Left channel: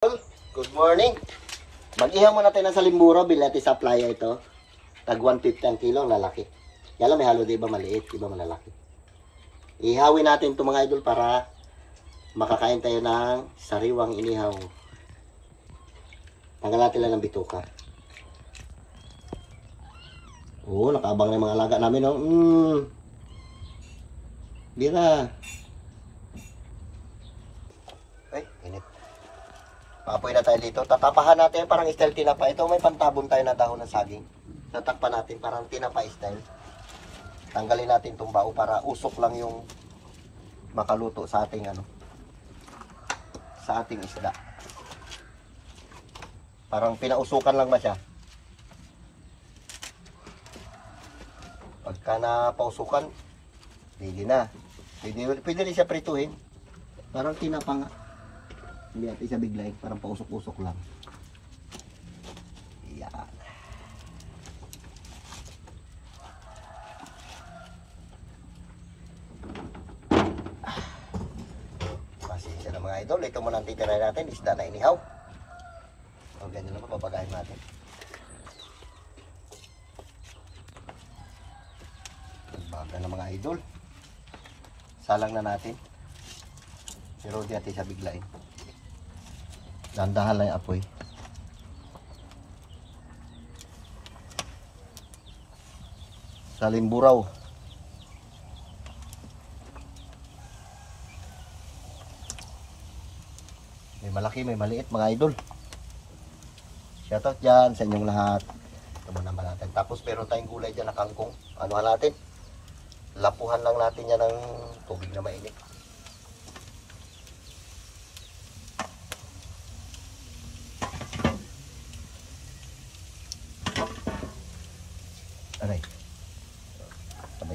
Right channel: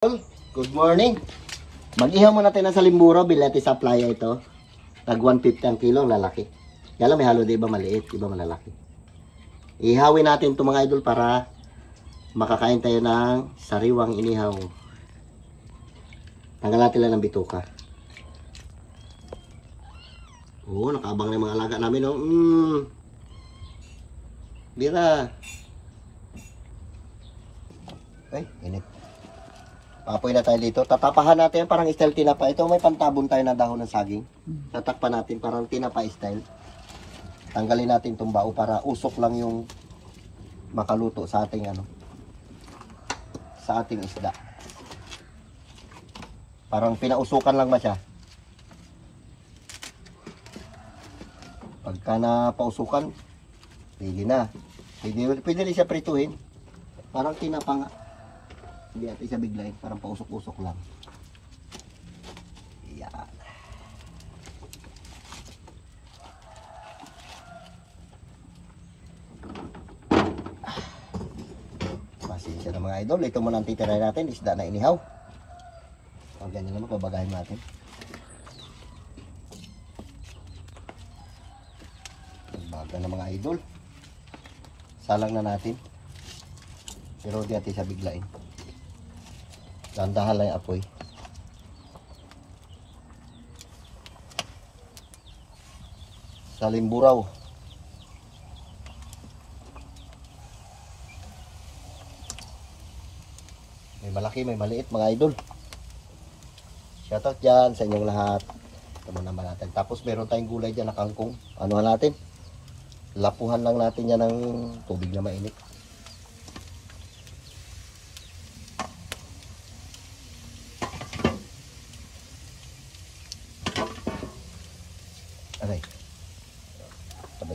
Good morning. Mag-ihaw mo natin ng salimbura, bilete sa playa ito. Tag 150 ang kilo, lalaki. Kaya may halo, iba maliit, iba malalaki. Ihawin natin ito mga idol para makakain tayo ng sariwang inihaw. Tanggal natin lang ng bituka. Oo, nakaabang na yung mga alaga namin. Oh. Bira. Ay, init. Apoy na tayo dito. Tatapahan natin parang style tinapa. Ito may pantabon tayo na dahon ng saging. Tatakpan natin parang tinapa style. Tanggalin natin itong bao para usok lang yung makaluto sa ating sa ating isda. Parang pinausukan lang ba siya? Pagka na pausukan, pwede na. Pwede rin siya prituhin. Parang tinapa nga. Hindi natin siya biglayin, parang pausok-usok lang. Yan. Pasensya na mga idol, ito muna ang titirahin natin, isda na inihaw. O ganyan naman, pabagahin natin. Baga na mga idol. Salang na natin. Pero di natin siya biglayin. Dandahan lang yung apoy. Salimburaw. May malaki, may maliit mga idol. Shoutout dyan sa inyong lahat. Ito muna naman natin. Tapos meron tayong gulay dyan na kangkong. Anuhan natin? Lapuhan lang natin yan ng tubig na mainit.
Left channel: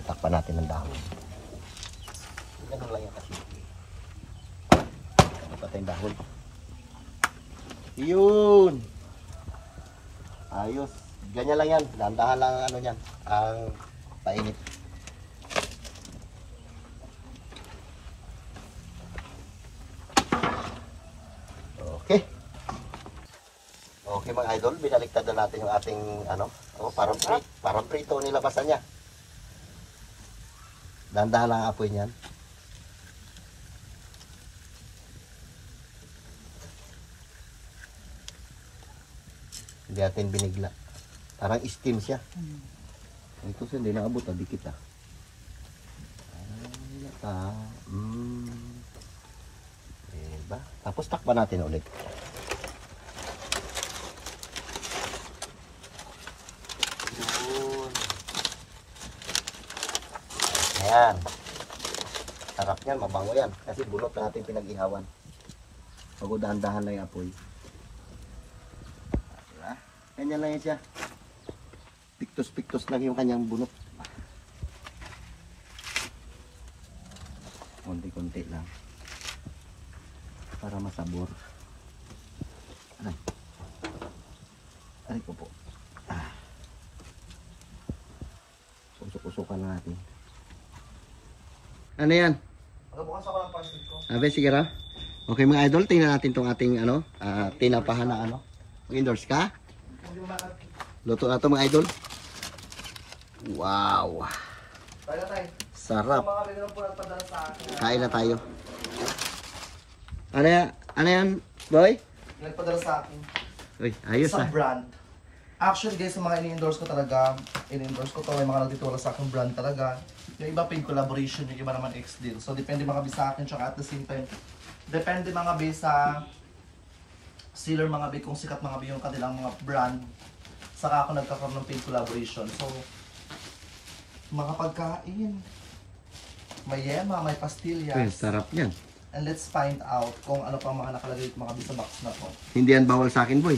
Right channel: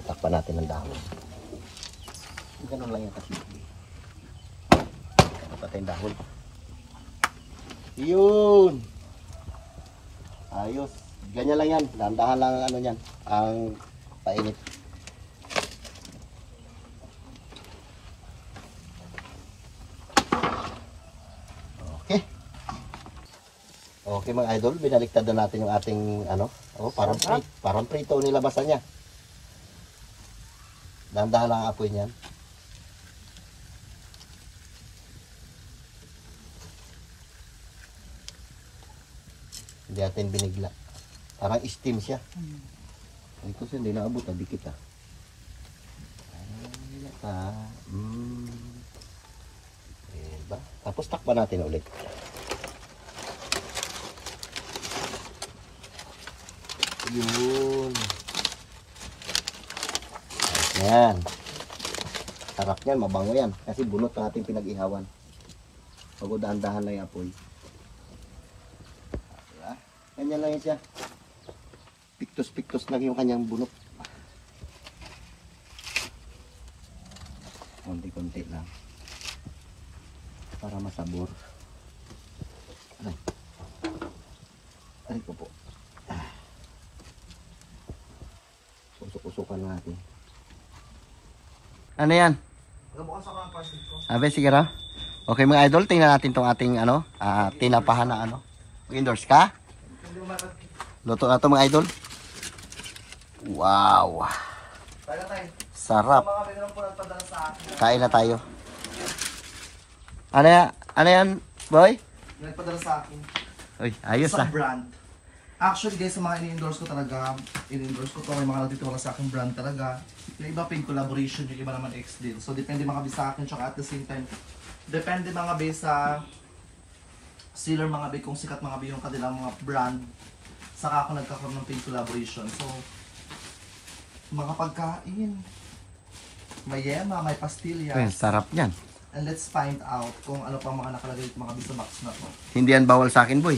Takpan natin ng dahon. Ganun lang yung kasi. Takpan yung dahon. Yun! Ayos. Ganyan lang yan. Dahan-dahan lang ano yan. Ang painit. Okay. Okay mga idol. Binaliktad na natin yung ating parang prito nilabasan niya. Dahan-dahan lang ang apoy niyan. Hindi natin binigla. Parang steam siya. Ito siya, hindi naabot. Dikit ha. Diba? Tapos takpan natin ulit. Yun. Ayan. Sarap yan, mabango yan. Kasi bunot na ating pinag-ihawan. Pagod dahan-dahan lang yung apoy. Diba? Ganyan lang yan siya. Piktos-piktos lang yung kanyang bunot. Konti-konti lang. Para masabor. Ay ko po. Usok-usukan na natin. Ano yan? Abe, sige ra. Okay mga idol, tingnan natin tong ating tinapahan na Mag-endorse ka? Luto na to mga idol. Wow. Sarap. Kain na tayo. Ano yan, boy? Nagpadala sa akin. Uy, ayos Sa brand. Actually guys, sa mga ini-endorse ko talaga, ini-endorse ko to, may mga nagtituro sa akin brand talaga. Yung iba ping collaboration, yung iba naman ex din. So depende mga bis sa akin, tsaka at the same time, depende mga bis sa sealer mga bis, kung sikat mga bis yung kanilang mga brand, saka ako nagkakaroon ng paid collaboration. So, mga pagkain, may yema, may pastillas. Uy, sarap yan. And let's find out kung ano pang mga nakalagay mga bis sa box na to. Hindi yan bawal sa akin, boy.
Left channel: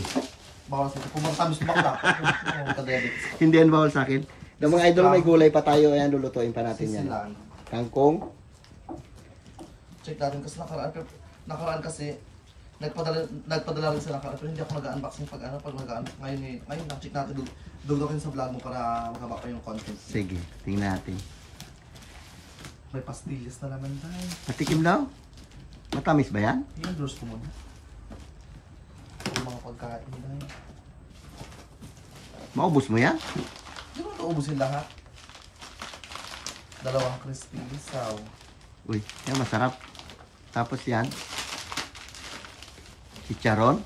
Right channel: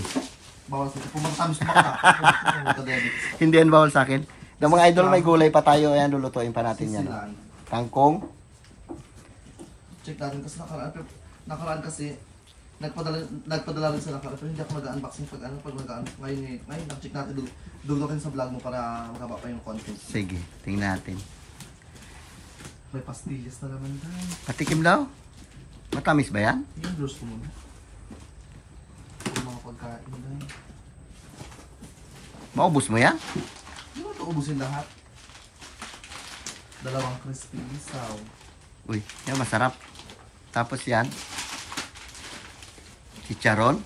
Bawal sa pumunta kami sa bakla. Hindi yan bawal sa akin. Ng mga idol, may gulay pa tayo. Ayan, lulutuin pa natin yan. Kangkong. Check natin kasi nakaraan kasi nagpadala rin sila pero hindi ako mag-unboxing pag mag-unbox ngayon check natin dugdugin sa vlog mo para magaba pa yung content. Sige, tingnan natin. May pastillas na naman tayo. Patikim daw. Matamis ba yan? Yung endorse ko muna. Maubos mo yan? Hindi mo ito ubusin lahat. Dalawang crispy isaw. Uy, yan masarap. Tapos yan. Chicharon.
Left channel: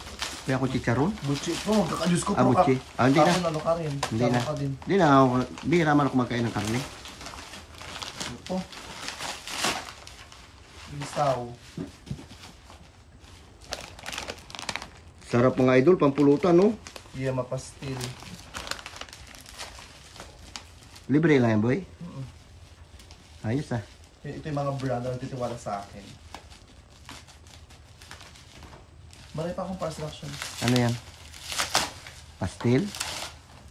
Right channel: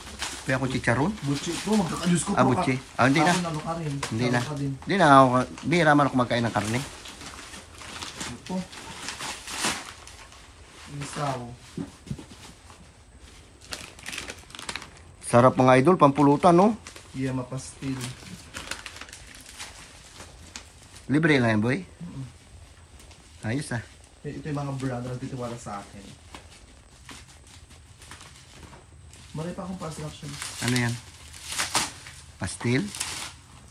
Kaya ako chicharon. Butchi po, kakayos ko po. Butchi. Hindi na. Ano ka rin. Hindi na. Ka din. Hindi na ako. Bihira man ako magkain ng karne. Ito. Isaw. Sarap mga idol, pampulutan no? Yema pastil. Libre lang yan boy. Ayos ah. Ito yung mga brand na nagtitiwala sa akin. Marami pa akong parcel action. Ano yan? Pastil?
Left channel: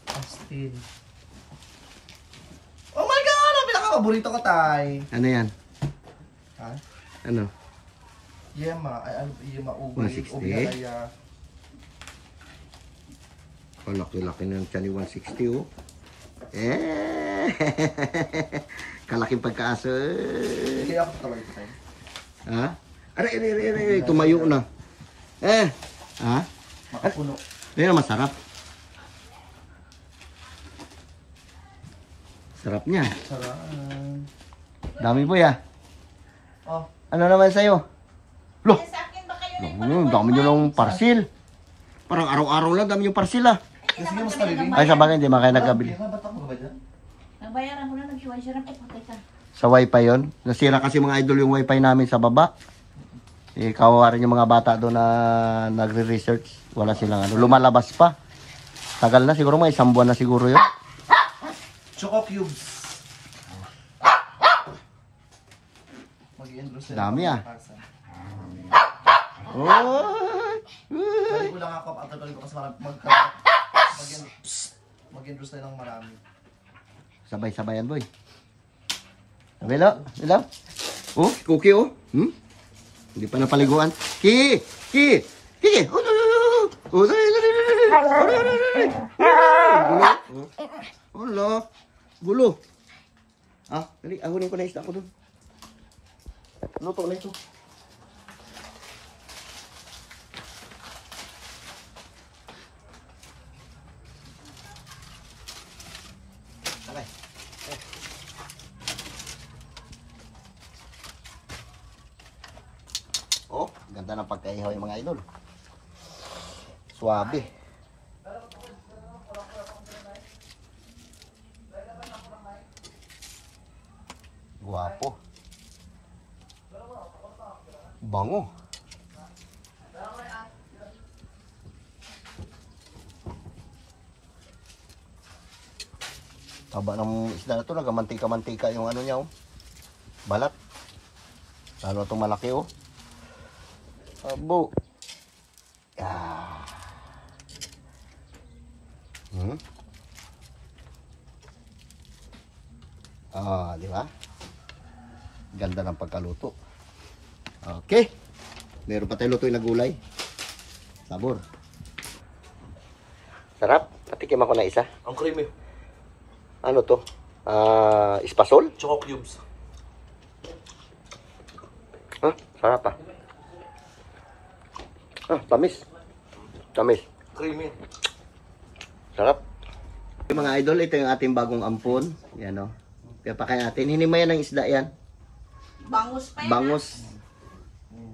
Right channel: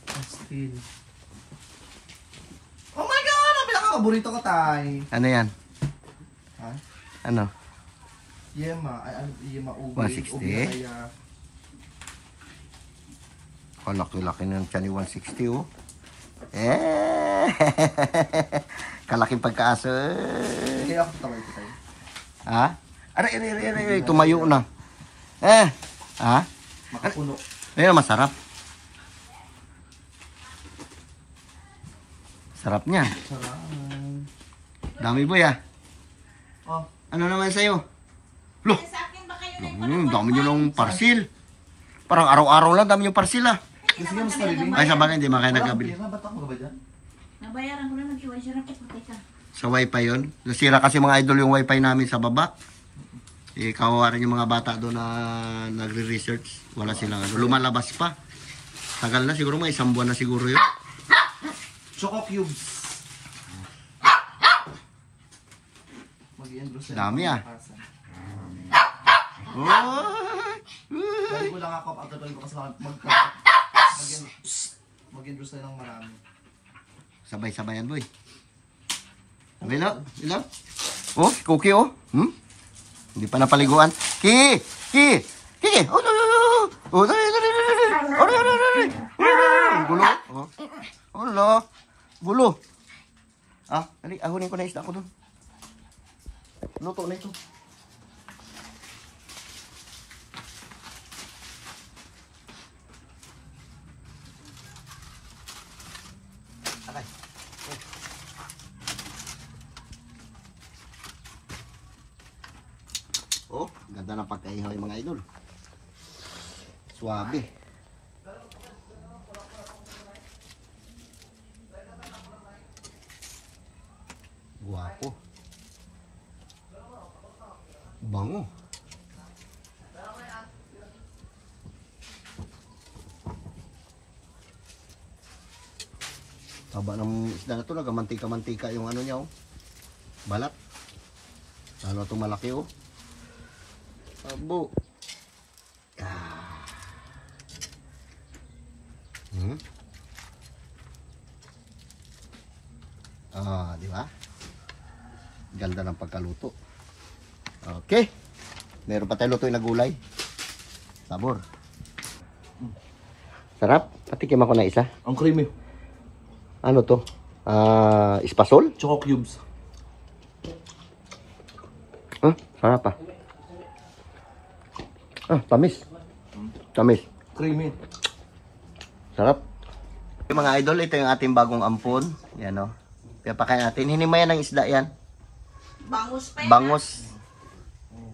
Pastil. Oh my God! Ang pinaka-paborito ko, Tay. Ano yan? Ha? Ano? Yema. Ay, ano? Yema ubi. 160? Ubi kaya. Oh, laki-laki ng tiyan ni 160 oh. Kalaking pagkaaso. Hindi ako tawag ito, Tay. Ha? Aray, tumayo na. Ha? Makapuno. Ayan, masarap. Sarap niya. Sarap. Dami boy ah. Oh. Ano naman sa'yo? Loh, dami nyo lang parcel. Parang araw-araw lang dami yung parcel ah. Kasi mas nalibing. Ay, sa bagay, hindi man kayo nagkabili. Ba't ako ba dyan? Nabayaran ko na nag-iwan siya ng pagkita. Sa wifi yon. Nasira kasi mga idol yung wifi namin sa baba. Kawawa rin yung mga bata doon na nagre-research. Wala silang ano. Lumalabas pa. Tagal na siguro, mga isang buwan na siguro yun. Choco cubes. Mag-i-endorse yan. Dami, ah. Oy! Lagi ko lang ako pag-atuloy ko kasi mag-endorse tayo ng marami. Sabay-sabayan boy. Ilaw. Oh, cookie oh. Hindi pa napaliguan. Ki! Oh, no. Gulo. Oh, lo. Gulo. Ah, dali, ahunin ko na isda ko dun. Luto na ito. Alay. Oh, ganda ng pagkaihaw yung mga idol. Suwabe. Guwapo. Bango. Taba ng isda na ito, nagamantika-mantika yung ano niya oh. Balat. Lalo itong malaki oh. Abo. Ah. Di ba? Ganda ng pagkaluto. Okay. Meron pa tayo lutuin na gulay. Sabor. Sarap. Patikim ako na isa. Ang creamy. Ano to? Espasol? Choco cubes. Sarap ah. Tamis. Tamis. Creamy. Sarap. Yung mga idol, ito yung ating bagong ampon. Yan o. Kaya pakain natin. Hinimayan ng isda yan. Bangus pa yan. Bangus.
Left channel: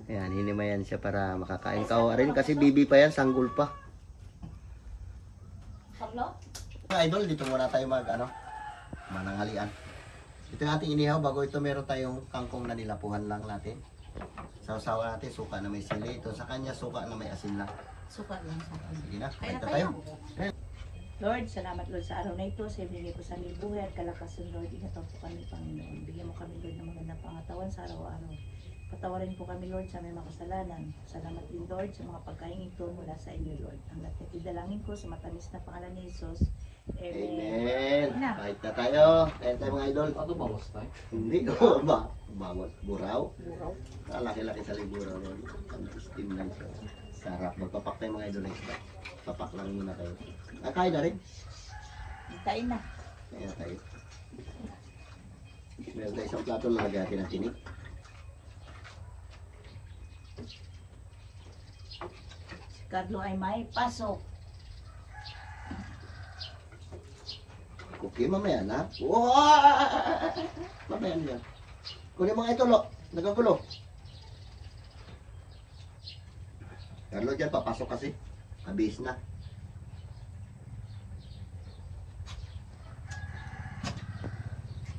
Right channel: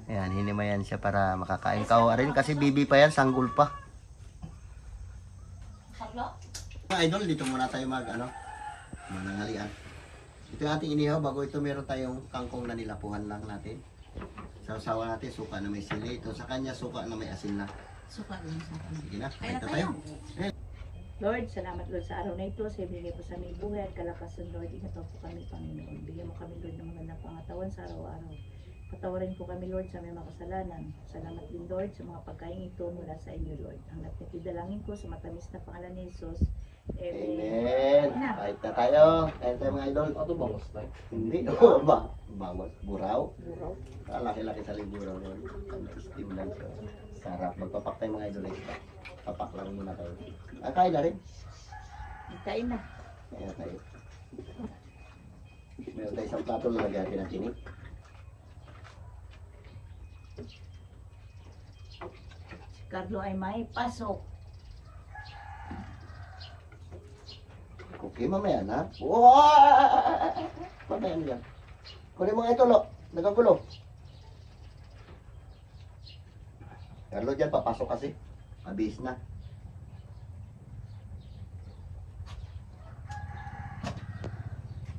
Yan, hinimayan siya para makakain ka rin. Kasi bibi pa yan, sanggol pa. Mga idol, dito muna tayo manangalian. Ito yung ating inihaw. Bago ito, meron tayong kangkong na nilapuhan lang natin. Sausawa natin, suka na may sili. Ito sa kanya, suka na may asin lang. Suka lang sa akin. Sige na, Kaya kain na tayo. tayo. Lord, salamat Lord sa araw na ito. Sa ibigay po sa aming buhay at kalakasan, Lord. Ingatan po kami, Panginoon. Bigyan mo kami, Lord, ng magandang pangatawan sa araw-araw. Patawarin po kami, Lord, sa aming mga kasalanan. Salamat din, Lord, sa mga pagkain ito mula sa inyo, Lord. Ang napitidalangin ko sa matamis na pangalan ni Jesus. Amen. Kahit na tayo. Kain tayo mga idol. Ano ba gusto? Hindi. Bangon. Buraw. Laki-laki sa liburaw. Steam lang siya. Sarap. Magpapak tayo mga idol. Papak lang muna tayo. Kain na rin. Kain na. Kain na tayo. Meron tayo isang plato na naghahin ng tinik. Si Carlo ay may pasok. Okay, mamaya na. Wow! Mamaya na yan. Kunin mo nga ito, lo. Nagagulo. Carlo, dyan, papasok kasi. Abis na.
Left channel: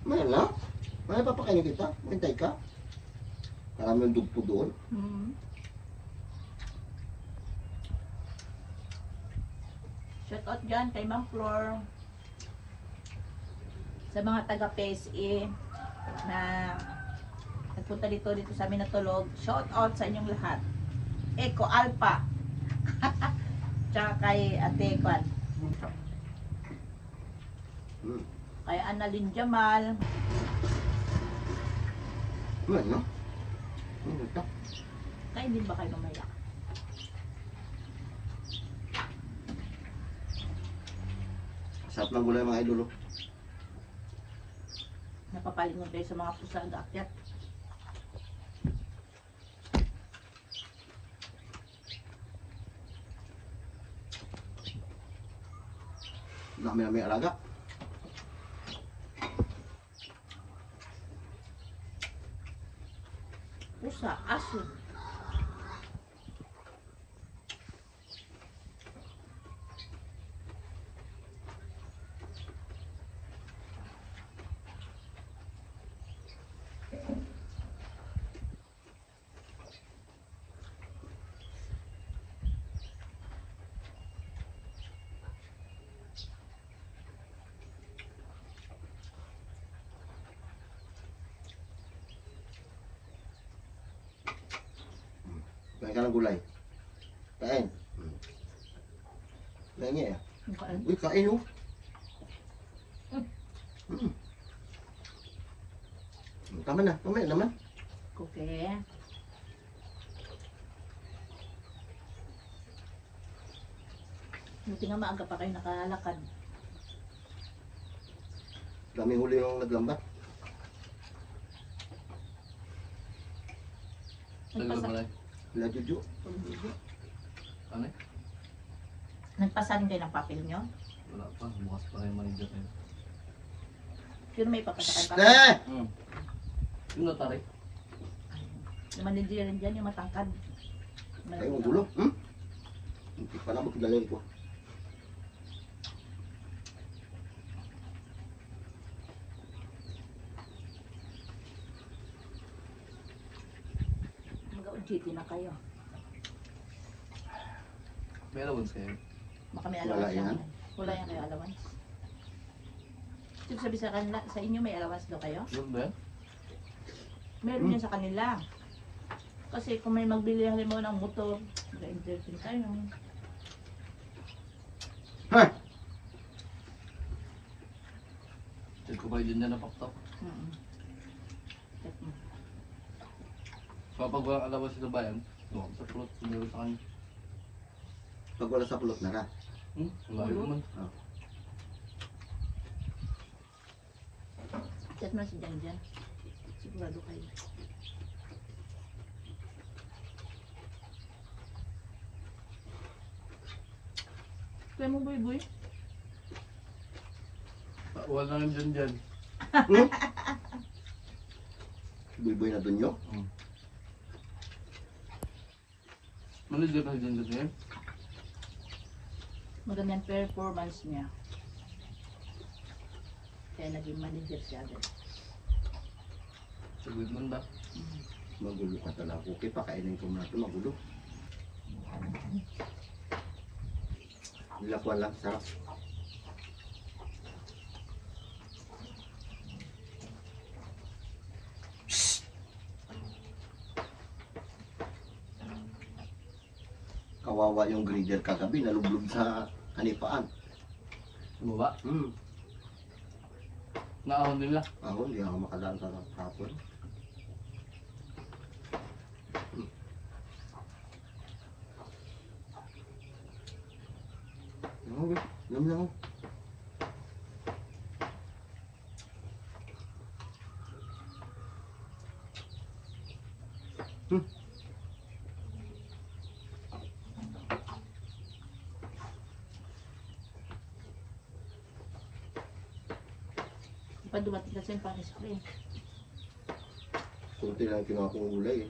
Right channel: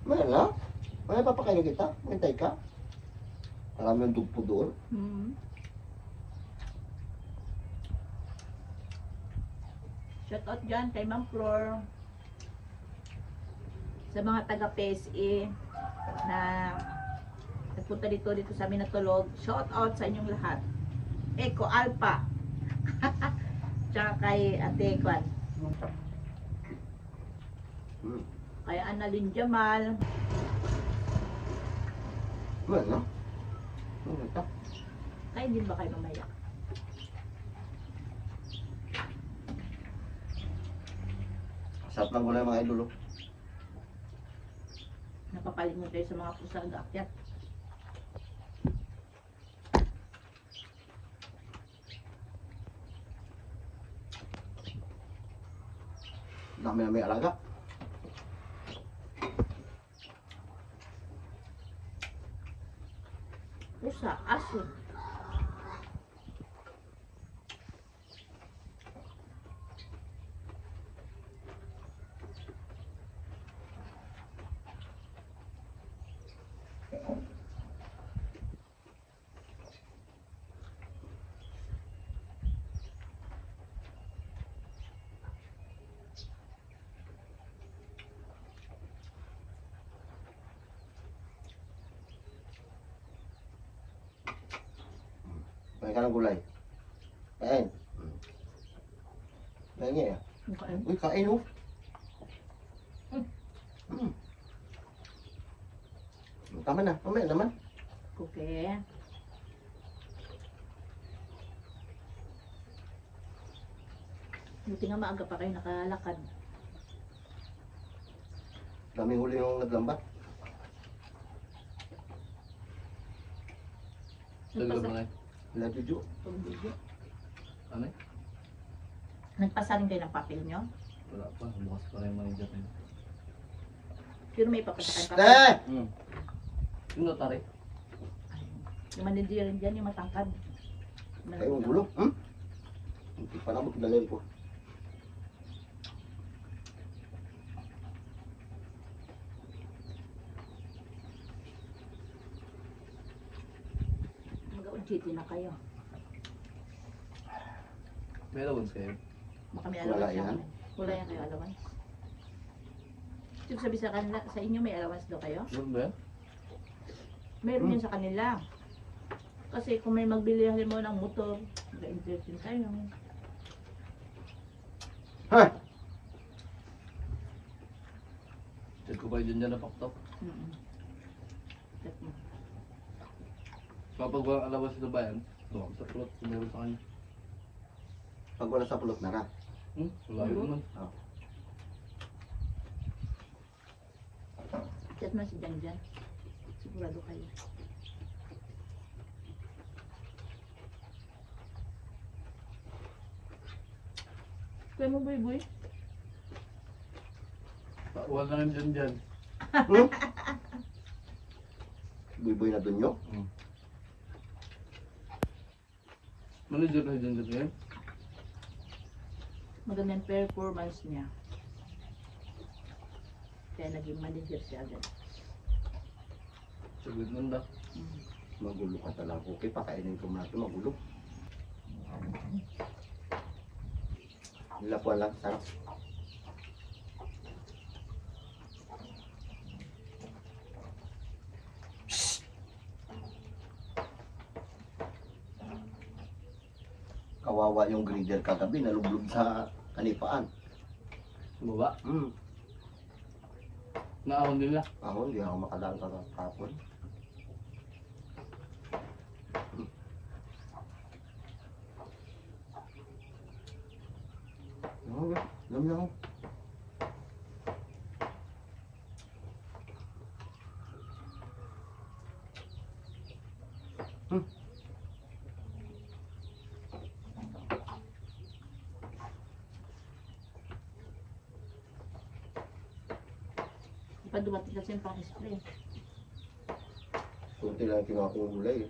Mamaya na. Mamaya papakainin kita. Hintay ka. Alam yung dugpo doon. Shout out dyan kay Ma'am Flor. Sa mga taga PSE na nagpunta dito sa amin natulog. Shout out sa inyong lahat. Eco Alpha. Tsaka kay Ate Kwan. Kay Annalyn Jamal. Mamaya na. Mamaya ka. Kain din ba kayo mamaya? Sarap lang gulay mga idolo. Napapalingon tayo sa mga pusaag-akyat. Dami na may alaga. Pusa, aso. Kain ka ng gulay. Kain. Kain niya eh. Kain. Uy, kain oh. Tama na. Mamaya naman. Okay. Buti nga maaga pa kayo nakalakad. Daming huli yung naglambat. Nagpasa- Wala juju. Ano eh? Nagpasaling kayo ng papel nyo? Wala pa. Bukas pa rin manager niya. Pero may papasakan pa. Eh! Yung notary? Yung manager rin dyan, yung matangkad. Kayo mo gulo. Hindi pala mo tigalin ko. Mag-OJT na kayo. May allowance kayo? Baka may allowance Wala yan. yan. Wala yan kayo allowance. Ibig sabi sa kanila, sa inyo may allowance daw kayo? Meron ba yan? Meron yan sa kanila. Kasi kung may magbili mo ng motor, mag-entertain tayo. Hey! Check ko ba yun dyan na paktok? Check mo. Kapag walang allowance sa bayan, sa plot, meron sa kanya. Pag wala sa pulot na ka. Wala rin naman. Chat mo na si Jan. Sigurado kayo. Kaya mo buy-buy? Wala rin dyan. Buy-buy na dun nyo. Manager na dyan ngayon? Magandang performance niya. Kaya naging manager siya agad. Sagot man ba? Magulo ka talaga. Okay, pakainin ko muna ito. Magulo. Nilapuan lang. Sarap. Kawawa yung grader kagabi. Nalublog sa kanipaan. Bumaba? Naahon nila. Ako, hindi ako makalaan kahapon. Alam na ako. pa dumating kasi yung pang-spray. Kunti lang kinuha kong gulay eh.